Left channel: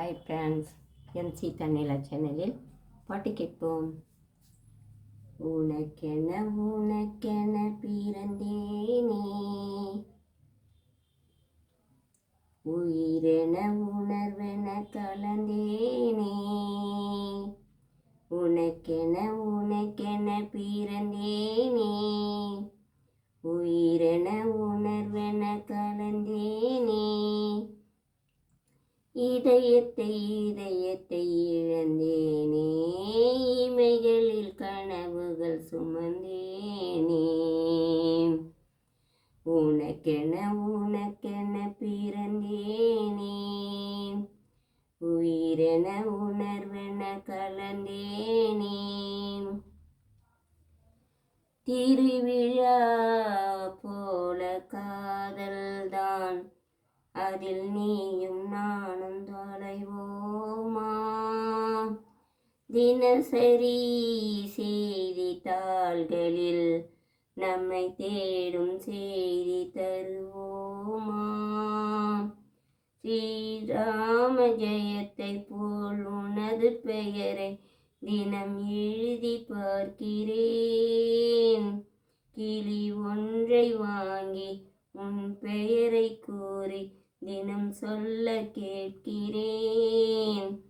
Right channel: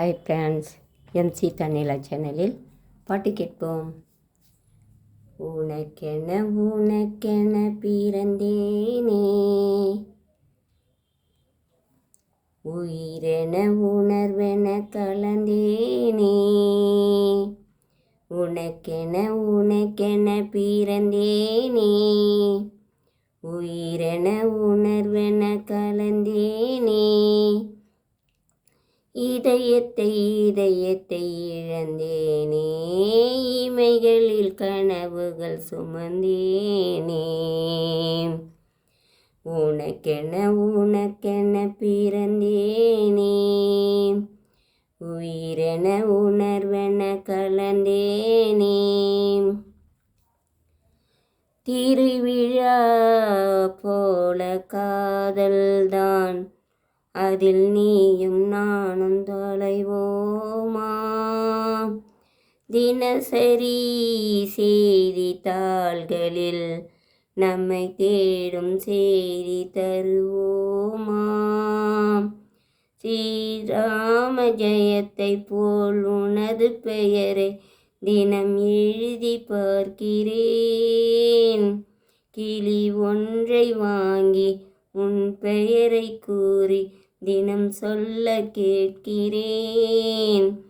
Hi friends MC தன்னிலா சேனலில் பாட்டு கேட்போம். உனக்கென உனக்கென பிறந்தேனே. உயிரென உணர்வென கலந்தேனே உனக்கென உனக்கென பிறந்தேனே. உயிரென உணர்வென கலந்தேனே இதயத்தை இதயத்தை இழந்தேனே இமைகளில் கனவுகள் சுமந்தேனே. உனக்கென உனக்கென பிறந்தேனே உயிரென உணர்வென கலந்தேனே. திருவிழா போல காதல்தான் அதில் நீயும் நானும் தொலைவோமா? தினசரி செய்தித்தாள்களில் நம்மை தேடும் செய்தி தருவோமா? ஸ்ரீராம ஜெயத்தை போல் உனது பெயரை தினம் எழுதி பார்க்கிறேன். கிளி ஒன்றை வாங்கி உன் பெயரை கூறி தினம் சொல்ல கேட்கிறேன்.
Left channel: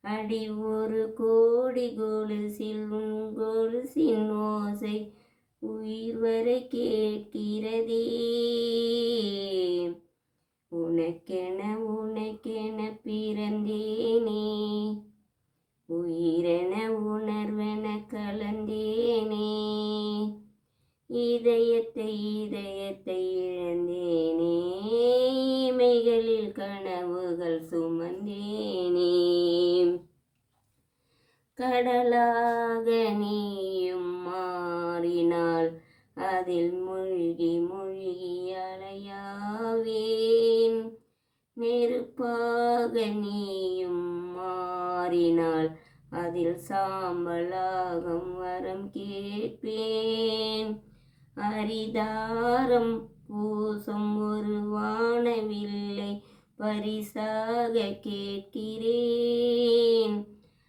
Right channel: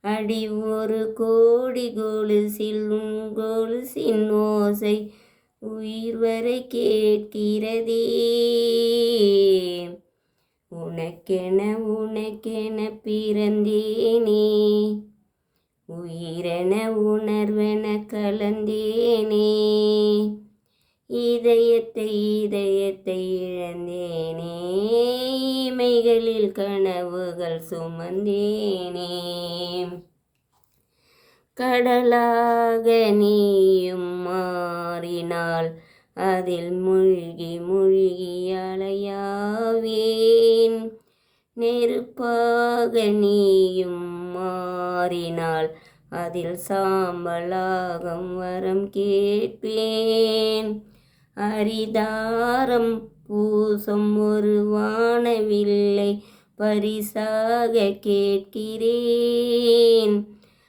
அடி ஒரு கோடி கொலுசில் உன் கொலுசின் ஓசை உயிர் வரை கேட்கிறதே. உனக்கென உனக்கென பிறந்தேனே. உயிரென உணர்வென கலந்தேனே. இதயத்தை இதயத்தை இழந்தேனே இமைகளில் கனவுகள் சுமந்தேனே. கடலாக நீயும் மாறினால் அதில் மூழ்கி மூழ்கி அலையாவேன். நெருப்பாக நீயும் மாறினால் அதில் சாம்பலாகம் வரம் கேட்பேன். அரிதாரம் பூசம் ஒரு வானவில்லை. பரிசாக கேட்கிறேன்.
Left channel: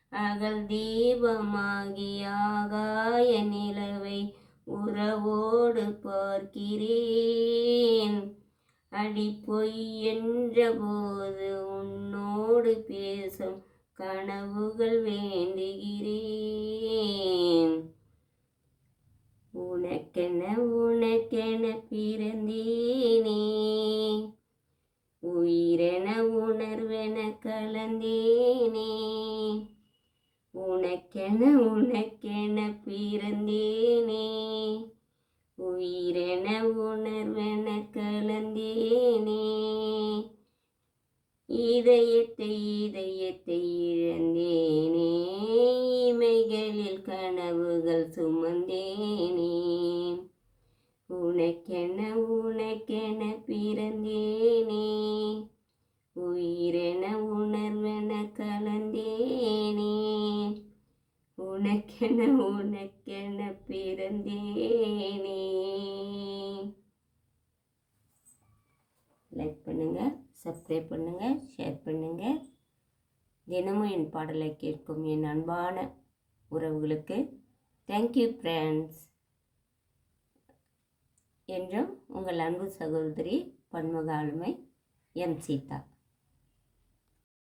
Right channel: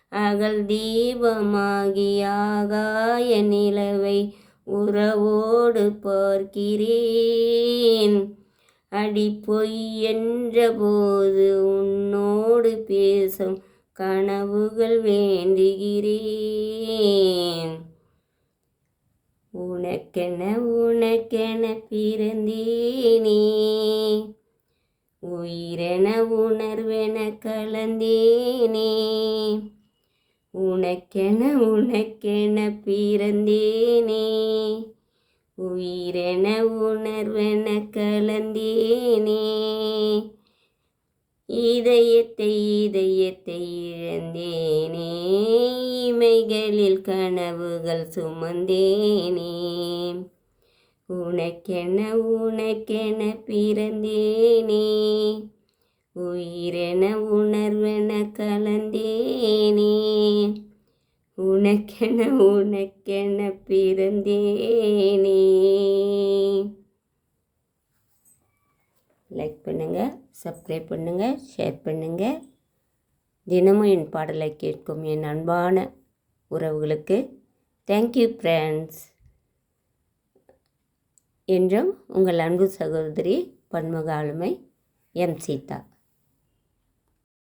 அகல் தீபமாகி ஆகாய நிலவை உறவோடு பார்க்கிறேன். அடி பொய் என்ற போது உன்னோடு பேசும் கனவுகள் வேண்டுகிறேன். உனக்கென உனக்கென பிறந்தேனே. உயிரென உணர்வென கலந்தேனே. உனக்கென உனக்கென பிறந்தேனே. உயிரென உணர்வென கலந்தேனே. இதயத்தை இதயத்தை இழந்தேனே இமைகளில் கனவுகள் சுமந்தேனே. உனக்கென உனக்கென பிறந்தேனே உயிரென உணர்வென கலந்தேனே. உனக்கென உனக்கென பிறந்தேனே லைக் பண்ணுங்கள் சப்ஸ்கிரைப் பண்ணுங்கள் ஷேர் பண்ணுங்கள் தினமும் என் பாடலை கேட்கும் என் அன்பான உறவுகளுக்கு தேங்க்யூ ஃப்ரெண்ட்ஸ் என்றும் உங்கள் அன்பு சகோதரி பன்முக ஆளுமை எம் சீதா.